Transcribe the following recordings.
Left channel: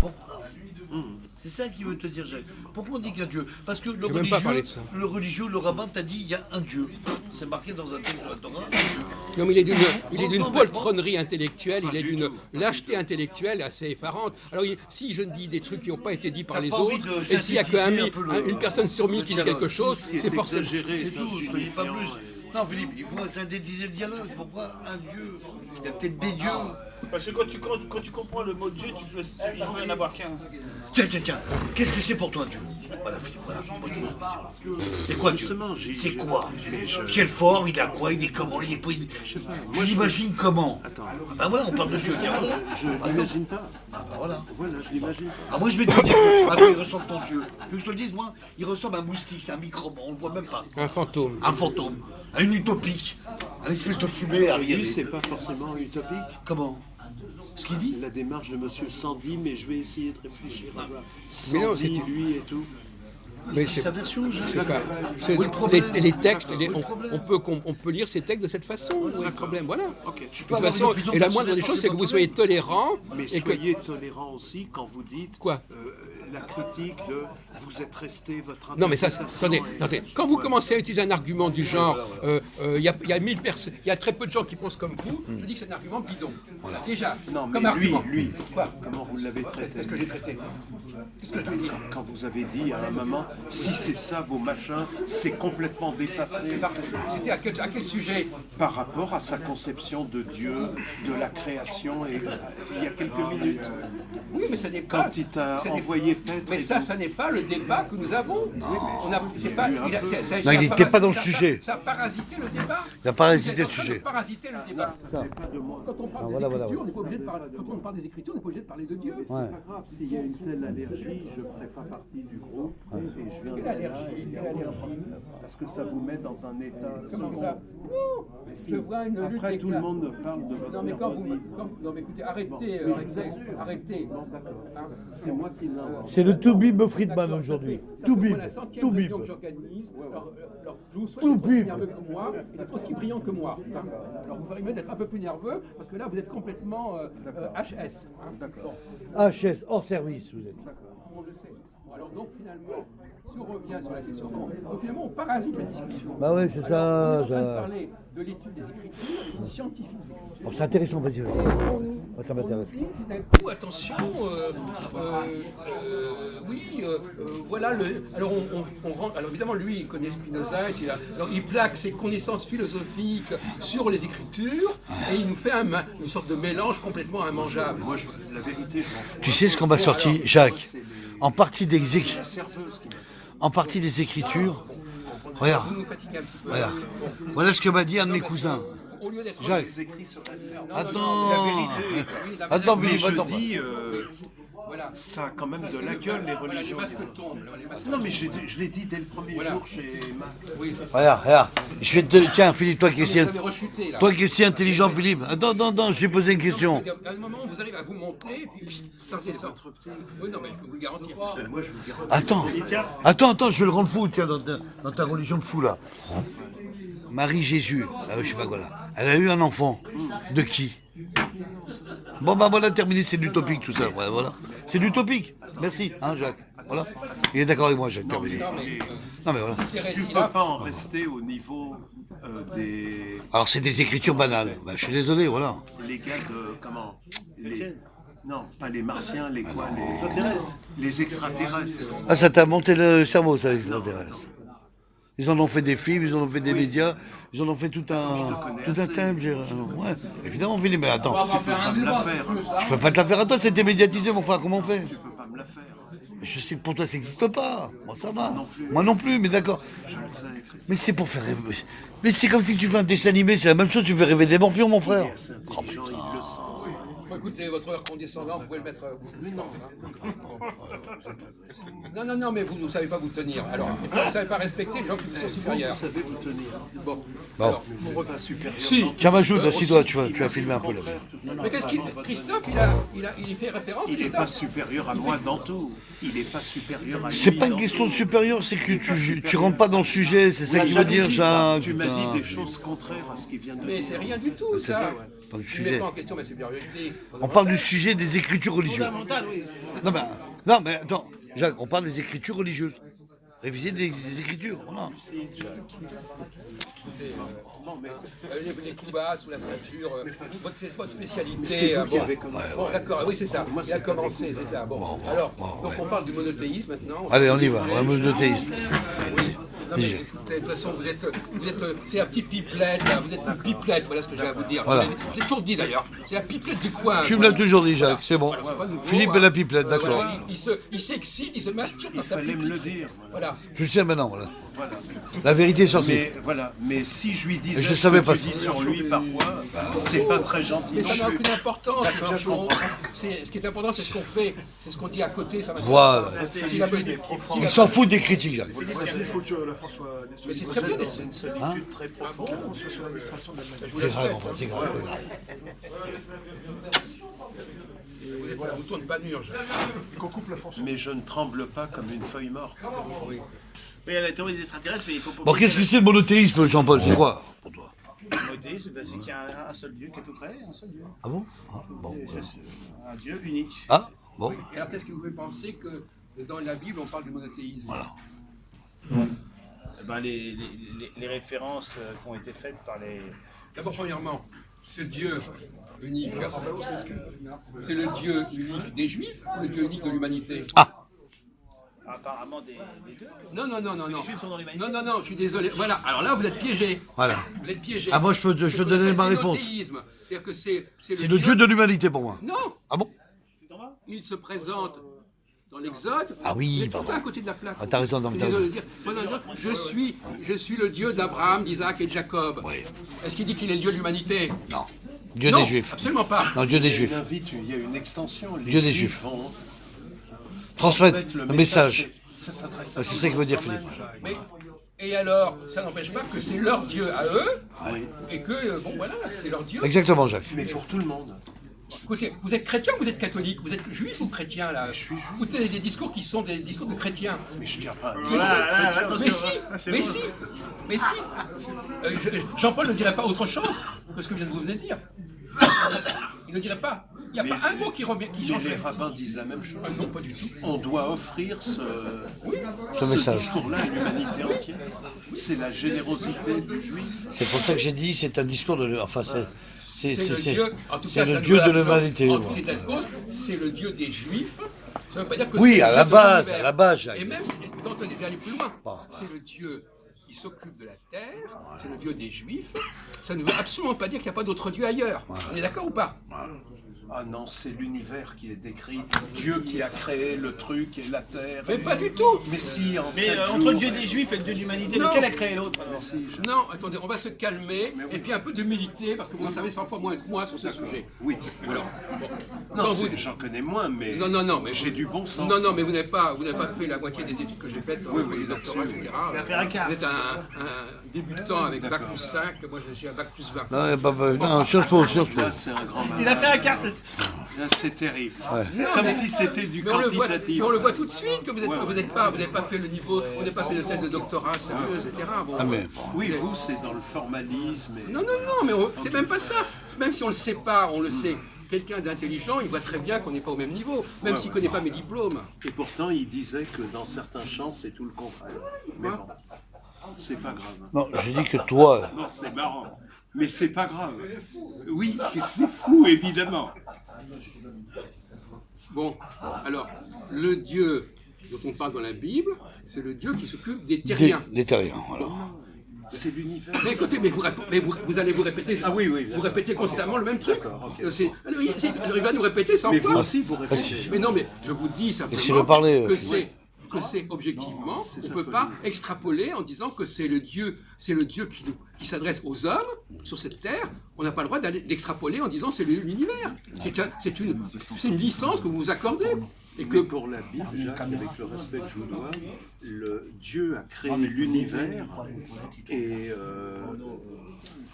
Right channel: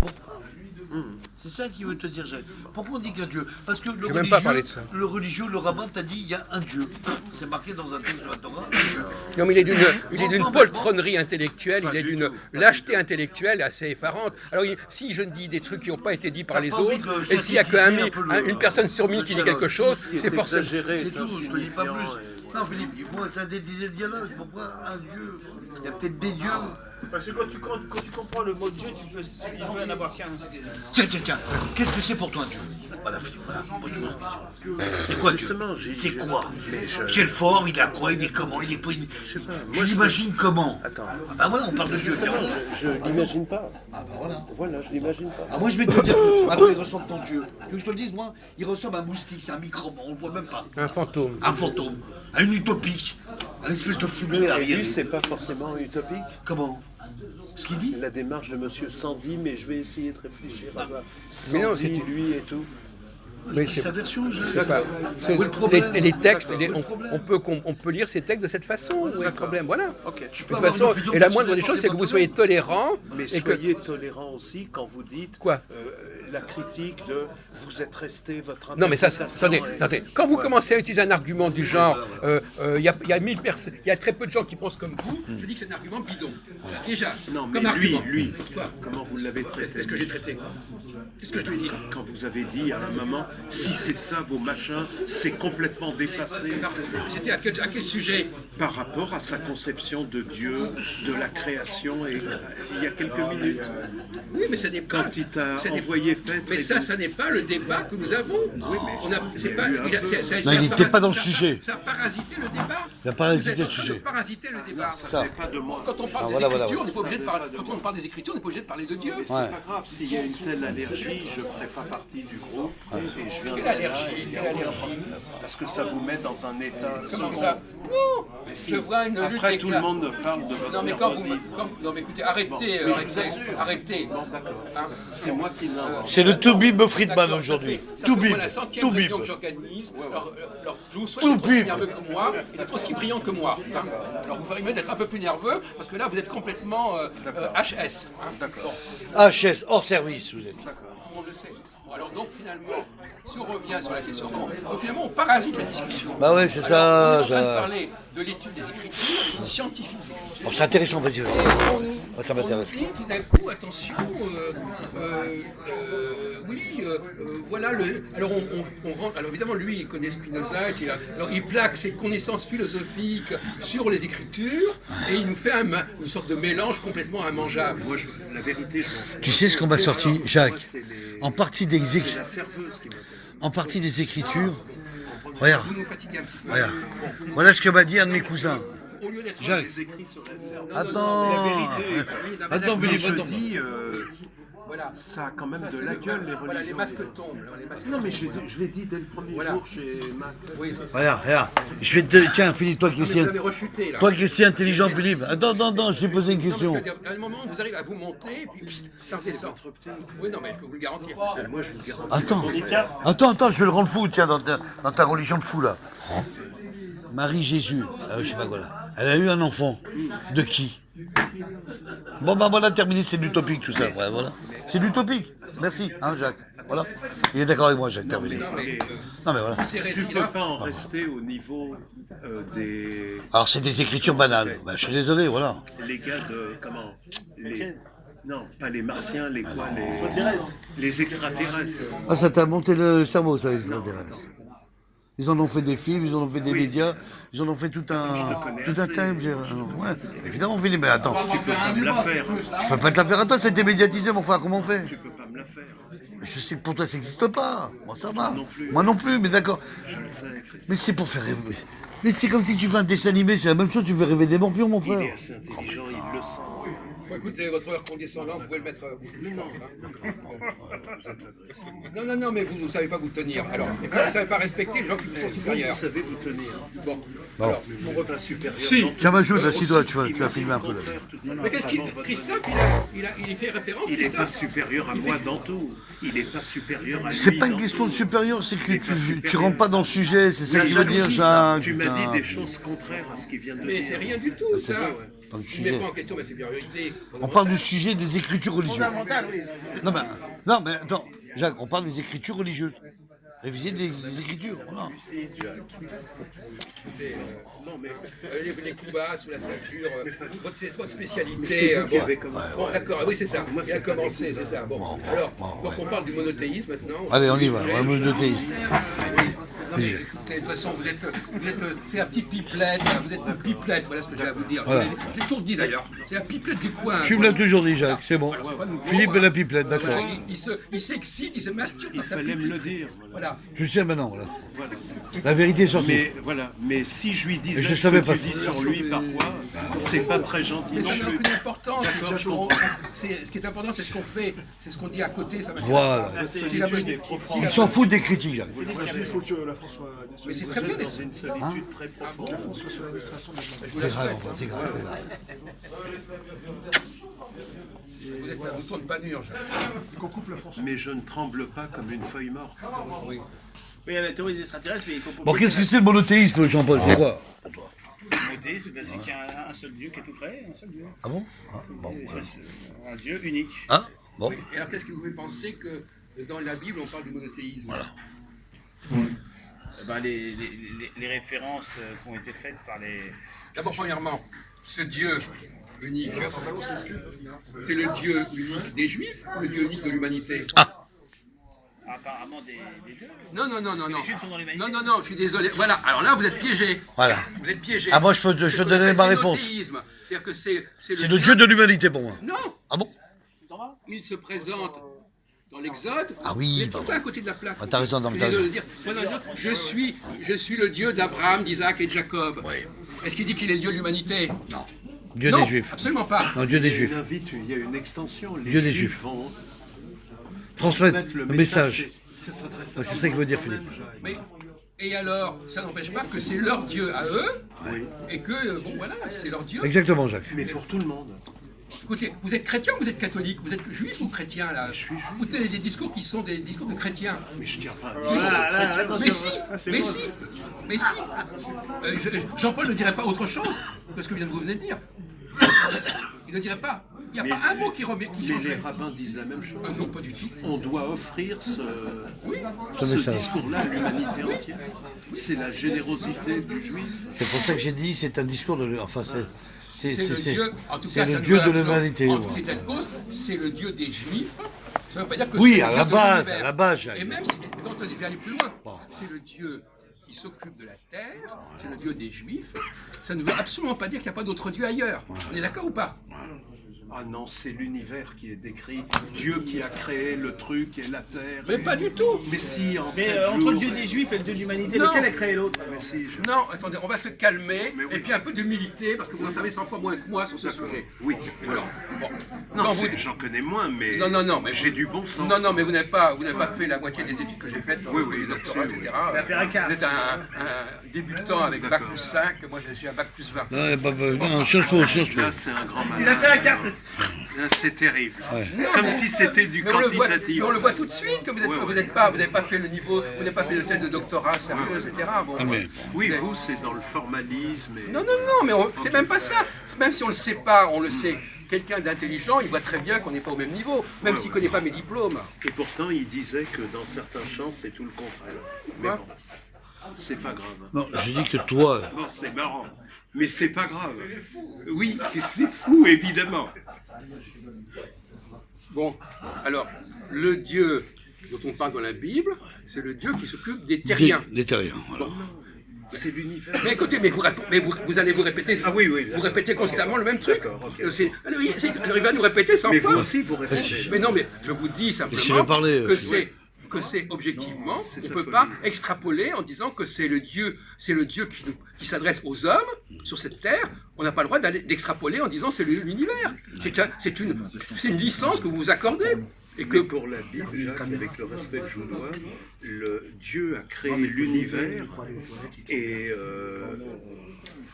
Pourquoi? C'est ça qu'il veut te dire, Jacques. Pourquoi on dit qu'un Dieu? Parce que J'ai même pas parlé de ça. le religieux, le rabbin t'a dit il y a un Dieu. C'est marqué dans un texte de la Torah, un Dieu. Non, mais il est d'une poltronnerie intellectuelle, il est d'une lâcheté intellectuelle assez effarante. Alors, si je dis des trucs qui n'ont pas été dits par les autres, et s'il n'y a qu'une personne sur 1000 qui dit quelque chose, c'est forcément... C'est tout, je te dis pas plus. Non, Philippe, il faut synthétiser le dialogue. Pourquoi un Dieu? Il y a peut-être des dieux. Parce que quand tu comprends le mot Dieu, tu peux en avoir qu'un. Tiens, qu'est-ce que c'est pour toi, Dieu? Voilà, Philippe, voilà. C'est quoi, Dieu? C'est quoi? Quelle forme? Il a quoi? Il est comment? Il est pas... Tu l'imagines comment? Attends. Ah bah voilà, on parle de Dieu. Tiens, voilà. Je l'imagine pas. Ah bah voilà. Voilà, je l'imagine pas. Ah moi je vais te dire à quoi il ressemble ton Dieu. Tu veux que je te le dise, moi? Il ressemble à un moustique, un microbe, on le voit même pas. Un fantôme. Un fantôme, à une utopique, un espèce de fumée à Et lui, rien. c'est pas forcément utopique. Comment? Ce qu'il dit? La démarche de Monsieur Sandy, mais je vais essayer de réfléchir à ça. Mais non, Sandy, c'est- lui et tout. Mais C'est sa version, je sais pas. Où est le problème? Les textes, Où est le problème? on peut lire ces textes de cette façon. Où est le problème? Voilà. Ok. De toute façon, et la moindre des choses, c'est que vous soyez tolérant. Mais Et que... soyez tolérant aussi quand vous dites Quoi? la critique de vous êtes resté votre Non, mais ça, interprétation attendez. Quand vous commencez à utiliser un argument du genre, il y a 1000 personnes, il y a très peu de gens qui pensent comme vous, je dis que c'est un argument bidon. Déjà, Non, mais comme argument. lui, Quoi? comment vous l'avez traité? Qu'est-ce que j'ai traité? Qu'est-ce que je lui ai dit? Quand vous avez dit à un moment, si c'est ça vos machins, c'est complètement dépassé, etc. C'était à quel sujet? Par rapport à sa conception de Dieu, de la création, et il y a quelques minutes, Oui, mais ça n'est pas. quand il t'a ça n'est- envoyé paître. Mais et ça, tout. ça n'est pas le débat que nous avons. On a, c'est pas, Non, il n'était pas dans le sujet. Ça a parasité le débat. Il a parasité Vous êtes en le train de sujet. parasiter le débat. Ça. Pas de moi. Quand on parle Ah, des voilà, écritures, voilà. on n'est pas obligé de parler. Quand on parle des écritures, on n'est pas obligé de parler de Dieu. C'est pas grave, s'il y a une telle allergie, je ne ferai pas partie du groupe et je viendrai Quelle là, allergie, quelle allergie. parce que ça vous met dans un état Comment second. ça? Non. Je vois une lutte Après, des tout le classes. monde parle de votre Non mais quand vous, nervosisme. non mais écoutez, arrêtez, Mais je vous assure. arrêtez. Bon, d'accord. Hein? C'est moi qui l'invente. C'est le Toubib Friedman D'accord, aujourd'hui. ça fait Toubib, moi la 100e Toubib. réunion que j'organise. Alors, je vous souhaite Tout d'être aussi bip. nerveux que moi et d'être aussi brillant que moi. Hein. Alors vous ferez mieux d'être un peu plus nerveux parce que là vous êtes complètement HS. Hein. Bon, HS, hors service, vous êtes. tout le monde le sait. Bon, alors donc finalement, si on revient sur la question, bon, donc, finalement on parasite la discussion. Bah ouais, c'est Alors, ça, on est en train de ça. parler de l'étude des écritures, l'étude scientifique des écritures. Oh, c'est intéressant, vas-y, vas-y. On- Moi, ça m'intéresse. On oublie tout d'un coup, attention, voilà, alors on rentre, alors évidemment lui il connaît Spinoza, alors il plaque ses connaissances philosophiques sur les écritures et il nous fait une sorte de mélange complètement immangeable. Moi, la vérité, je m'en fous. Tu sais ce qu'on m'a sorti, Jacques? C'est En partie des la serveuse qui m'a en partie des écritures. Regarde, Vous nous fatiguez un petit peu. regarde. Voilà ce que m'a dit un de mes cousins. Au lieu d'être Jacques, les écrits sur la serveuse. attends. Attends, Mais Philippe, je attends. dis, voilà. ça a quand même de la gueule, les Voilà, les religions. masques tombent. Les masques Non, mais je l'ai dit dès le premier jour chez Max. Oui, Regarde. Je vais te. Tiens, Philippe, toi qui vous es avez rechuté là. toi qui es si intelligent, Philippe. Attends, je vais poser une question. Non, parce qu'à un moment, vous arrivez à vous monter, et puis pssst, ça redescend. Oui, non, mais je peux vous le garantir. Moi, je vous dis, Attends, je vais le rendre fou, tiens, dans ta religion de fou, là. Marie-Jésus, je sais pas quoi, là. Elle a eu un enfant. De qui? Bon, bah voilà, terminé, c'est de l'utopique, tout ça. Ouais, voilà. C'est de l'utopique. Merci, hein, Jacques. Voilà. Il est d'accord avec moi, Jacques, terminé. Non, mais voilà. Ces tu peux récits-là, pas en rester au niveau des Alors, c'est des écritures banales. Bah, je suis désolé, voilà. les gars de comment non, pas les martiens, les quoi, les extraterrestres. Ah, ça t'a monté le cerveau, ça, les extraterrestres. Ils en ont fait des films, ils en ont fait des médias, ils en ont fait tout un thème. Ouais, évidemment, Philippe, mais attends. Tu peux pas me la faire. Je peux pas te la faire à toi, c'était médiatisé, mon frère, comment on fait? Tu peux pas me la faire. Je sais que pour toi, ça n'existe pas. Moi, ça va. Moi non plus, mais d'accord. Je le sais, Christophe. Mais c'est pour faire rêver. Mais c'est comme si tu fais un dessin animé, c'est la même chose, tu fais rêver des morpions, mon frère. C'est intelligent, il le sent. bon, écoutez, votre heure condescendante, vous pouvez le mettre je pense, hein. Non, mais vous ne savez pas vous tenir. Alors, et puis, vous ne savez pas respecter les gens qui vous sont Vous supérieurs. savez vous tenir. Bon, Bon. alors, Mon repas supérieur. si. Tiens, Majoud, assis-toi, tu vas filmer un peu là. Mais qu'est-ce qu'il... Christophe, il y fait référence, Il n'est pas Christophe? supérieur à moi dans tout. Il n'est pas supérieur à lui. C'est pas une dans question de tout. supérieur, c'est que tu rentres pas dans le sujet, c'est ça La qu'il veut dire, jalousie, ça. Jacques. Tu m'as putain. dit des choses contraires à ce qu'il vient de Mais dire. c'est rien du tout, ça. Pas du Je ne mets sujet. pas en question, mais c'est bien réglé. On parle du sujet des écritures religieuses. Fondamental, oui. Non, mais attends, Jacques, on parle des écritures religieuses. Réviser des écritures. Voilà. Les coups bas sous la ceinture, c'est votre Mais spécialité. c'est vous qui Bon. avez commencé. Bon, d'accord, oui, c'est ça. Moi, Il a c'est pas commencé, c'est ça. Bon, alors, donc on parle du monothéisme maintenant. Allez, on y va. On monothéisme. Non, mais écoutez, de toute façon, c'est la petite pipelette, là, vous êtes une pipelette, voilà ce que j'ai à vous dire. Voilà. Je l'ai toujours dit d'ailleurs, c'est la pipelette du coin. Tu me l'as toujours dit, Jacques, c'est bon. C'est pas nouveau, Philippe hein. et la pipelette, d'accord. Voilà, il s'excite, il se masturbe dans Il sa fallait me le pipelette. dire. Voilà. Je le sais maintenant, voilà. La vérité est sortie. Mais voilà, mais si je lui disais Et je savais ce pas que tu ça. dis sur lui parfois, c'est pas très gentil. Mais non ça n'a plus. aucune importance. Ce qui est important, c'est ce qu'on fait, c'est ce qu'on dit à côté. Ça m'intéresse Voilà. pas. S'il a besoin- s'il Ils a s'en besoin- foutent des critiques, Jacques. Il faut que la France soit. Mais c'est très bien. C'est une solitude très profonde. soit sur l'administration de la Je vous C'est le grave, souhaite. enfin, c'est grave. Vous êtes un mouton de panurge. Qu'on coupe la France. Mais je ne tremble pas comme une feuille morte. Oui. Oui, il y a la théorie des extraterrestres, mais il faut pas. Bon, qu'est-ce que c'est le monothéisme, Jean-Paul? C'est quoi pour toi? Le monothéisme, ben, c'est qu'il y a un seul Dieu qui a tout créé, un seul Dieu. Ah bon? Ah, bon, voilà. Un Dieu unique. Ah, bon. Et alors, qu'est-ce que vous pouvez penser que dans la Bible, on parle du monothéisme? Voilà. Ben, les références qui ont été faites par les. D'abord, premièrement, ce Dieu unique, c'est le Dieu unique des Juifs ou le Dieu unique de l'humanité? Apparemment des deux. Non. Les Juifs sont dans l'humanité. Non, je suis désolé. Voilà, alors là, vous êtes piégé. Voilà. Vous êtes piégé. Ah, moi, je peux C'est ce qu'on donner appelle ma le réponse. monothéisme. C'est-à-dire que c'est C'est le Dieu de l'humanité pour moi. Non, Ah bon? il se présente dans l'Exode. Ah oui, il est tout pardon. à côté de la plaque. Ah, t'as raison, non, mais Il est t'as de raison. dire, je suis le Dieu d'Abraham, d'Isaac et de Jacob. Ouais. Est-ce qu'il dit qu'il est le Dieu de l'humanité? Non. Dieu Non, des Juifs. absolument pas. Non, Dieu des Juifs. Il y a une extension. Les Dieu des Juifs Juifs. vont Transmettre mettre le message. Ça s'adresse Ouais, c'est ça qu'il veut dire, quand même, Philippe. Jacques. Mais, et alors, ça n'empêche pas que c'est leur Dieu à eux, Oui. et que, bon voilà, c'est leur Dieu. Exactement, Jacques. Mais pour tout le monde. Écoutez, vous êtes chrétien ou vous êtes catholique? Vous êtes juif ou chrétien là? Vous tenez des discours qui sont des discours de chrétiens. Mais je tiens pas. Là, Mais attention. si, c'est mais bon. si, mais si. Jean-Paul ne dirait pas autre chose que ce que vous venez de dire. Il ne dirait pas. Il n'y a Mais- pas un mot qui Mais les changerait. rabbins disent la même chose. Ah non, pas du tout. On doit offrir Ce ce message. discours-là à l'humanité entière. C'est la générosité du juif. C'est pour ça que j'ai dit c'est un discours de. Enfin, C'est le Dieu, en tout c'est cas, le ça Dieu nous de l'a- l'humanité. En ouais. toute état de cause, c'est le Dieu des Juifs. Ça ne veut pas dire que Oui, c'est à le la Dieu de base, l'univers. à la base, Jacques. Et même si, quand on devait aller plus loin, c'est le Dieu qui s'occupe de la terre, c'est le Dieu des Juifs. Ça ne veut absolument pas dire qu'il n'y a pas d'autre Dieu ailleurs. On est d'accord ou pas? Ah non, c'est l'univers qui est décrit. Dieu qui a créé le truc et la terre. Mais pas du tout. Mais si, en Mais 7 entre jours- le Dieu des Juifs et le Dieu de l'humanité, Non. lequel a créé l'autre alors? Si, je- Non, attendez, on va se calmer Mais oui. et puis un peu d'humilité parce que vous en savez 100 fois moins que moi sur ce sujet. Oui. Alors, bon. Non, Quand c'est- vous- j'en connais moins, mais, Non, mais j'ai du bon sens. Non, mais vous n'avez pas fait la moitié des études que j'ai faites, Oui, les doctorats, là-dessus, etc. L'affaire Icare. Vous êtes un débutant avec bac plus 5, moi j'ai un bac plus 20. Non, non, Sciences Po, Sciences Po. Là, c'est un grand malade. Il a fait un quart, c'est. Là, c'est terrible. Non, Comme mais- si c'était du mais on le voit, quantitatif. mais on le voit tout de suite que vous Ouais, ouais. n'avez pas fait le niveau, vous n'avez pas fait de thèse de doctorat sérieux, etc. Bon, Ah, mais- Oui, vous, c'est dans le formalisme. Et... Non, mais c'est même pas ça. Même si on le sait pas, on le sait. Quelqu'un d'intelligent, il voit très bien qu'on n'est pas au même niveau, même s'il ne connaît pas mes diplômes. Et pourtant, il disait que dans certains champs, c'est tout le contraire. Mais Quoi bon, c'est pas grave. Non, je dis que toi, Bon, c'est marrant. Mais c'est pas grave. Oui, c'est fou, évidemment. Bon, alors, le Dieu dont on parle dans la Bible, c'est le Dieu qui s'occupe des terriens. des terriens, voilà. C'est l'univers. Mais écoutez, vous allez vous répéter. Ah oui, oui. Vous répétez constamment le même truc. D'accord, ok. Alors, il va nous répéter 100 Mais vous fois. aussi, vous répétez. Mais non, mais je vous dis s'il veut simplement parler, que c'est objectivement, c'est on ne sa peut folie. pas extrapoler en disant que c'est le Dieu qui s'adresse aux hommes sur cette terre. On n'a pas le droit d'extrapoler en disant c'est l'univers. C'est une licence que vous vous accordez. Et Que que pour la Bible, Jacques, avec le respect que je vous dois, le Dieu a créé l'univers et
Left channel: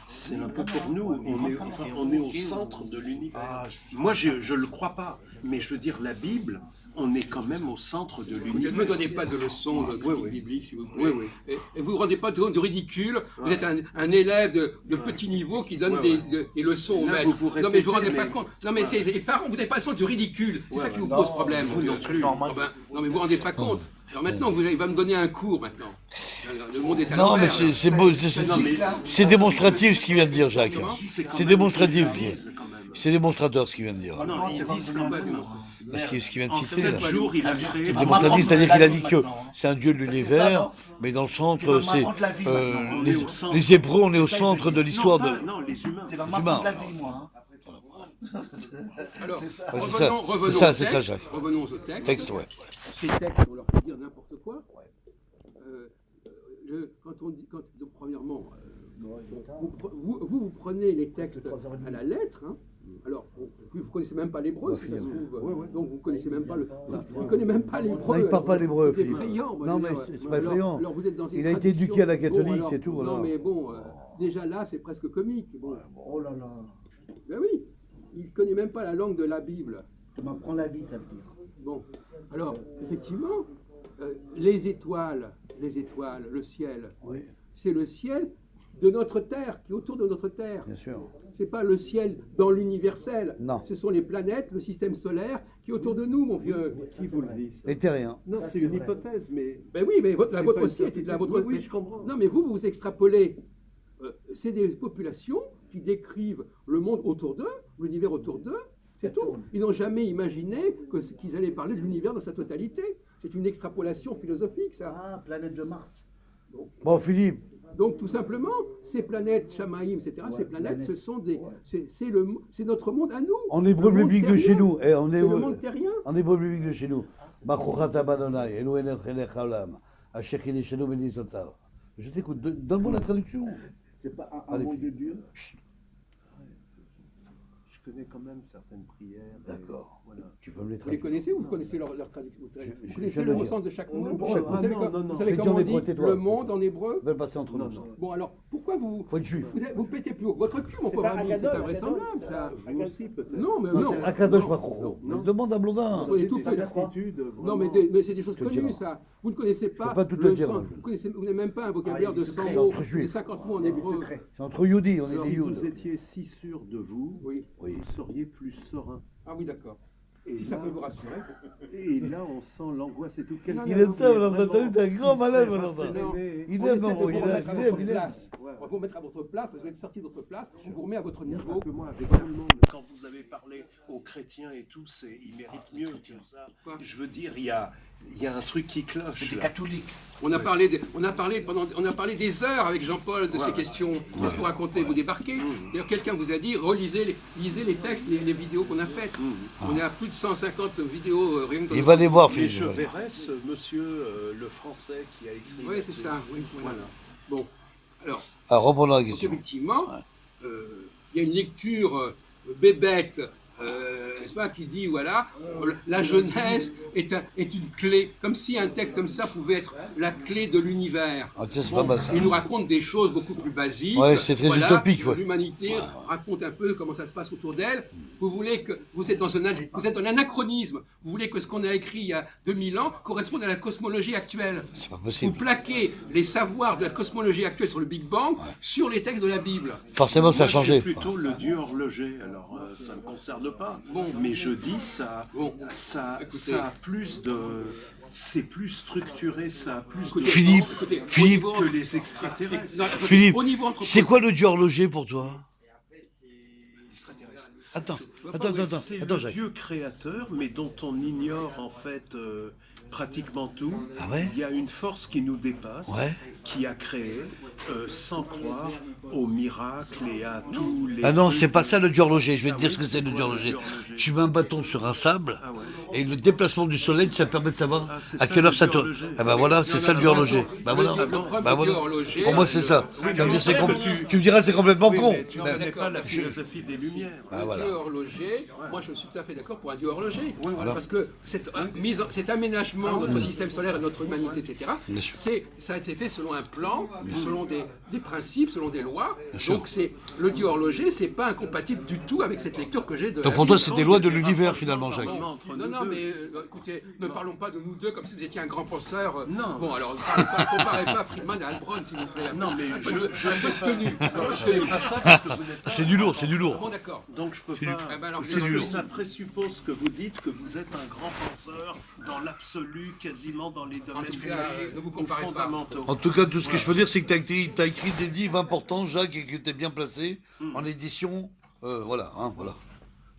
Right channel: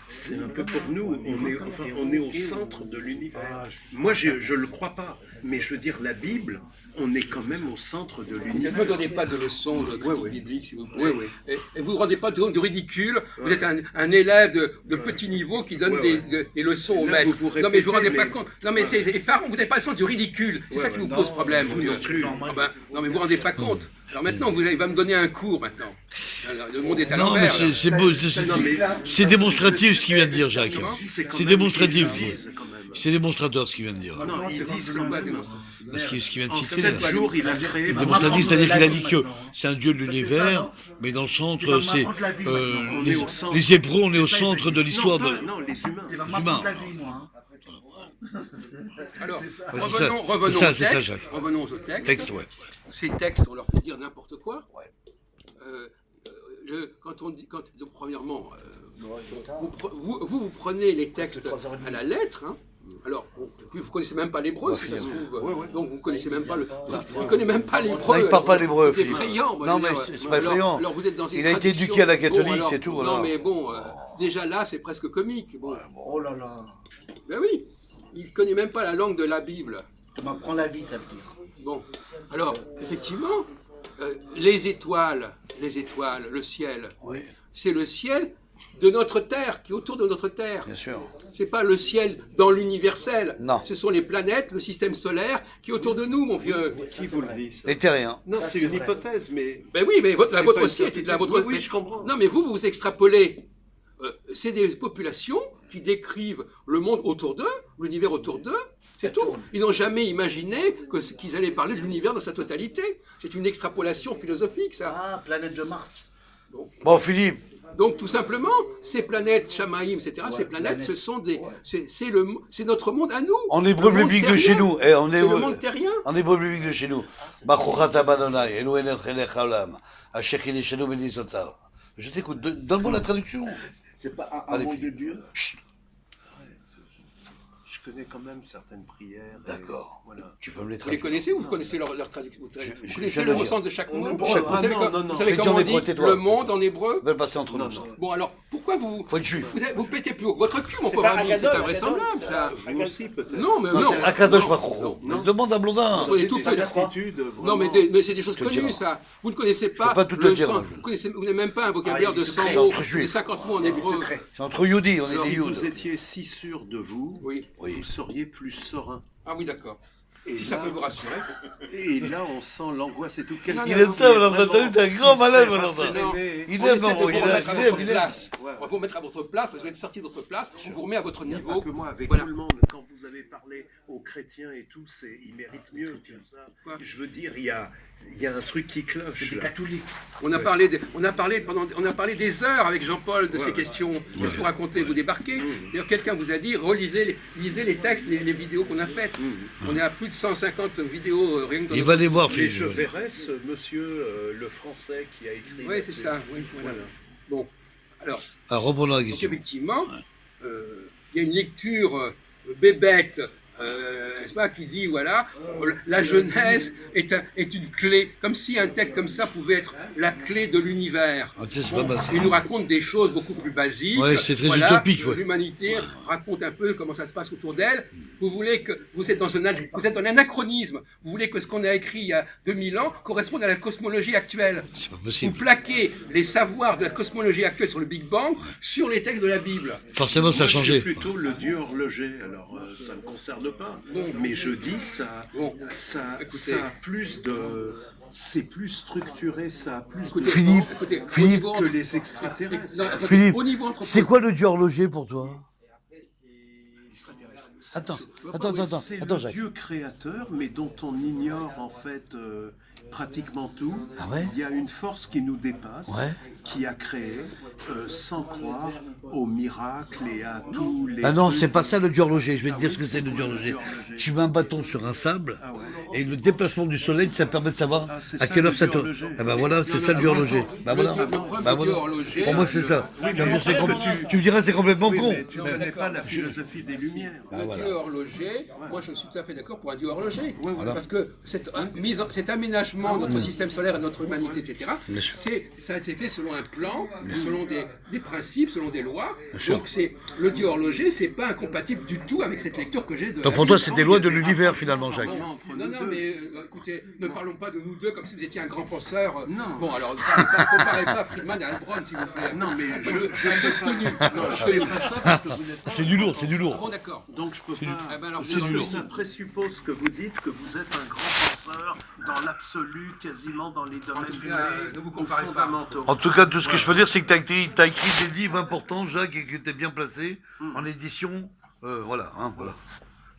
c'est un peu pour nous, on est au centre de l'univers. Moi, je ne le crois pas. Mais je veux dire, la Bible, on est quand même au centre de Vous ne l'univers. me donnez pas de leçons de critique biblique, s'il vous plaît. Oui, oui. Et vous ne vous rendez pas de ridicule. Vous êtes un élève de petit niveau qui donne des leçons au Là, maître. vous Non, mais je ne vous rendez répétez, pas mais- compte. Non, mais c'est effarant. Vous n'avez pas le sens du ridicule. C'est ça qui vous pose problème. Vous un truc normal. Ah ben, non, mais vous ne vous rendez pas compte. Alors maintenant, il va me donner un cours maintenant. Alors, le monde est à Non, mais l'envers. là. c'est beau, Non, mais- c'est démonstratif ce qu'il vient de dire, Jacques. C'est quand C'est même démonstratif. qu'ils disent, quand même. C'est démonstrateur ce qu'il vient de dire. Non, ils disent quand même. Parce qu'il ce qu'il vient de En citer, 7 là. jours, il a créé. Démonstratif, c'est-à-dire qu'il a dit que maintenant. c'est un dieu de l'univers, mais dans le centre, c'est m'apprendre la vie maintenant. On est au centre. les Hébreux, on est au centre de l'histoire Non, de. pas- non, les humains. Tu vas humains. m'apprendre la vie, moi. Alors, Ouais, c'est ça. revenons C'est ça, au c'est ça, texte. Jacques. Revenons au texte. Texte, ouais. Ces textes, on leur fait dire n'importe quoi. Quand on dit, donc, premièrement, vous prenez les textes à la lettre. Hein. Alors, puis vous connaissez même pas l'hébreu, si ça se trouve. Donc vous connaissez même pas le. Il connaît même pas l'hébreu. Non, il parle pas l'hébreu, C'est Philippe. effrayant. moi, Non, je veux mais dire. c'est pas Alors- effrayant. Alors vous êtes dans une Il a été tradition- éduqué à la catholique, alors, c'est tout, Non, voilà. mais bon, déjà là, c'est presque comique. Bon, Oh là là. ben oui, il connaît même pas la langue de la Bible. Tu m'apprends la vie, ça veut dire. Bon, alors, effectivement, les étoiles, le ciel, c'est le ciel de notre Terre, qui est autour de notre Terre. Bien sûr. C'est pas le ciel dans l'universel. Non. Ce sont les planètes, le système solaire qui est autour de nous, mon vieux. Qui vous le dit ça Les terriens. Non, c'est une hypothèse, mais. Ben oui, mais la C'est vôtre pas aussi une était de la certitude. vôtre. Oui, mais- je comprends. Non, mais vous extrapolez. C'est des populations qui décrivent le monde autour d'eux, l'univers autour d'eux. C'est tout. Ils n'ont jamais imaginé qu'ils allaient parler de l'univers dans sa totalité. C'est une extrapolation philosophique, ça. Ah, planète de Mars. Bon, Philippe, Donc, tout simplement, ces planètes, Shamaïm, etc., ces planètes, ce sont des. C'est notre monde à nous. en hébreu Le monde biblique de terrien. chez nous, en C'est le hébreu, monde terrien. en hébreu biblique de chez nous, Baruch Adonai, Elohenu melech haolam, asher chileshenu benisotav. Je t'écoute, donne-moi la traduction. C'est pas un Allez, mot de Philippe. Dieu. Chut, Je connais quand même certaines prières. et d'accord. Voilà. Tu peux me les Vous les traduire. connaissez ou vous connaissez leur traduction Vous je connaissez le le dis. sens de chaque mot hébreu. Vous Chaque savez, mot. Non, non, non. vous savez Fais comment on Dieu dit des tais-toi. le monde en hébreu Va le passer entre nous. ça. Bon, alors, pourquoi vous. Faut être juif. Vous pétez plus haut que votre cul, mon pauvre pas ami, c'est Akadol, invraisemblable, ça. Vous aussi, peut-être. Non, mais Non, non. c'est Akadosh non, Baruch Hu. non, Mais demande à Blondin. Soyez tout Des prêts. certitudes, Non, mais, vraiment. mais c'est des choses te connues, dirai. ça. Vous ne connaissez pas, peux pas tout te le dire, sens. moi, je- Vous n'avez même pas un vocabulaire Ah, il de est 100 secret. mots, Entre juifs. de 50 mots en hébreu. C'est entre Yudi, on est des Si Yudes. vous étiez si sûr de vous, Oui. Oui. vous seriez plus serein. Ah oui, d'accord. Et Si ça là- peut vous rassurer. Et là, on sent l'angoisse et tout. Quelqu'un non, Il aime non, ça, Valentin, vraiment t'es un grand qui malade, serait Valentin. rasséréné. Il On aime, essaie de maman, vous il remettre à aime, votre il aime. place. Ouais. On va vous remettre à votre place, parce que vous êtes sorti de votre place, on vous remet à votre Il y a pas niveau. que moi, avec Voilà. tout le monde, quand vous avez parlé aux chrétiens et tout, ils méritent mieux que ça. Quoi Je veux dire, il y a un truc qui cloche. Des là. catholiques. On a parlé des heures avec Jean-Paul de ces questions. Qu'est-ce que vous racontez Vous débarquez. D'ailleurs, quelqu'un vous a dit lisez les textes, les vidéos qu'on a faites. On est à plus de 150 vidéos rien que dans Il nos- va les voir, Mais Philippe. je verrai ce monsieur, le français, qui a écrit. Oui, c'est là-dessus. ça. Oui, voilà. Bon, alors, Alors, reprenons la donc question. effectivement, il y a une lecture bébête, n'est-ce pas, qui dit voilà, la Genèse est une clé, comme si un texte comme ça pouvait être la clé de l'univers. Ah, tu sais, c'est pas mal ça. Il nous raconte des choses beaucoup plus basiques. Ouais, c'est très utopique, ouais. L'humanité raconte un peu comment ça se passe autour d'elle. Vous voulez que vous êtes dans un anachronisme. Vous voulez que ce qu'on a écrit il y a 2000 ans corresponde à la cosmologie actuelle. C'est pas Vous possible. plaquez les savoirs de la cosmologie actuelle sur le Big Bang sur les textes de la Bible. Forcément, ça a Moi, changé. je suis plutôt le dieu horloger, alors ça ne me concerne pas. Bon. Mais je dis, ça, Bon. ça, Écoutez. ça a plus de... C'est plus structuré, ça a plus de... Écoutez, Philippe, écoutez, au Philippe, niveau que entre- les extraterrestres. Non, écoutez, Philippe, au niveau c'est quoi le dieu horloger pour toi? Attends, C'est attends, le Jacques. Dieu créateur, mais dont on ignore en fait pratiquement tout. Ah ouais? Il y a une force qui nous dépasse, Ouais. qui a créé, sans croire aux miracles et à tous les... Ah non, trucs. c'est pas ça le dieu horloger. Je vais te Ah dire oui, ce que c'est le quoi, dieu le horloger. dieu horloger Tu mets un bâton sur un sable Ah ouais. et le déplacement du soleil, ça permet de savoir Ah, c'est à ça, quelle le heure ça dieu tourne. horloger. Ah ben voilà, c'est Non, ça non, le dieu non, horloger. le Ben voilà. dieu- le problème Ben du dieu voilà. horloger, Pour moi, c'est ça. Tu vas me dire, c'est tu me diras, c'est complètement con. Mais tu ne Non, mais connais d'accord, pas la merci. philosophie des Lumières. Ah, Le voilà. dieu horloger, moi je suis tout à fait d'accord pour un dieu horloger. Voilà. Parce que cet aménagement développement de notre système solaire et de notre humanité, etc., Bien sûr. ça a été fait selon un plan, selon des principes, selon des lois. sûr. Donc le dit horloger, c'est pas incompatible du tout avec cette lecture que j'ai de. Donc la pour toi, Bible. c'est des lois de l'univers finalement, Jacques. Non, mais écoutez, ne parlons pas de nous deux comme si vous étiez un grand penseur. Non. Bon, alors, ne comparez pas Friedman à Heilbronn, s'il vous plaît. Non, mais un peu de tenue. je fais pas ça parce que vous êtes. C'est du lourd, c'est du lourd. Bon, d'accord. Donc je peux pas. Eh ben alors, C'est du lourd. Ça présuppose que vous dites que vous êtes un grand penseur dans l'absolu, quasiment dans les domaines tout cas, ne vous ou comparez pas. fondamentaux. En tout cas, tout ce que je peux dire, c'est que tu as écrit des livres importants, Jacques, et que tu es bien placé en édition. Voilà, hein, voilà.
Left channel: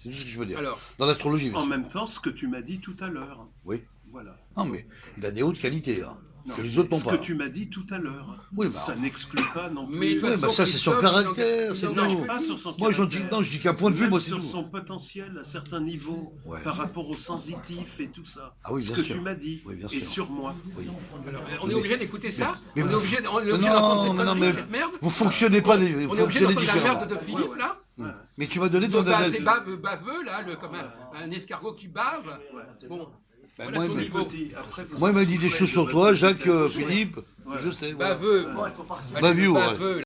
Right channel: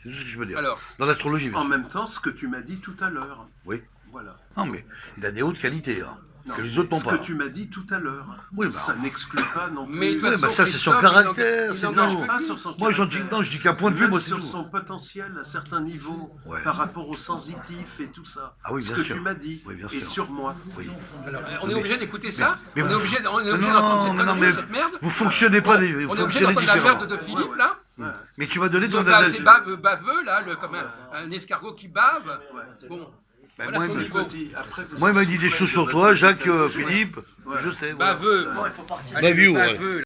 C'est tout ce que je peux dire. Alors. Dans l'astrologie, bien En sûr. même temps, ce que tu m'as dit tout à l'heure. Oui. Voilà. Non, mais il a des hautes qualités, hein, Non, que les autres n'ont ce pas. que tu m'as dit tout à l'heure. Oui, bah, ça n'exclut pas non plus. Mais de toute Oui, façon, bah ça, c'est son Christophe, caractère, il c'est n'engage tout. que Pas lui. sur son Moi, caractère. je dis qu'un point de vue, Même moi, c'est sur tout. son potentiel à certains niveaux, Ouais. par rapport au sensitif et tout ça. Ah oui, ce bien que sûr. tu m'as dit. Oui, bien et sûr. sur moi. Oui. Alors, on est obligé d'écouter ça. Mais On est vous- obligé d'entendre cette merde. vous fonctionnez pas, vous On est obligé fonctionnez d'entendre la différemment. merde de Philippe, là. Mais tu m'as donné ton Donc, analyse. c'est baveux, là, comme un escargot qui bave. Bon. Ben, Voilà moi, son il niveau. Moi, il m'a dit des choses sur toi, Jacques, Philippe, je sais. Voilà. Baveux. Bon, il faut partir. Allez, Baviou, le ouais. baveux,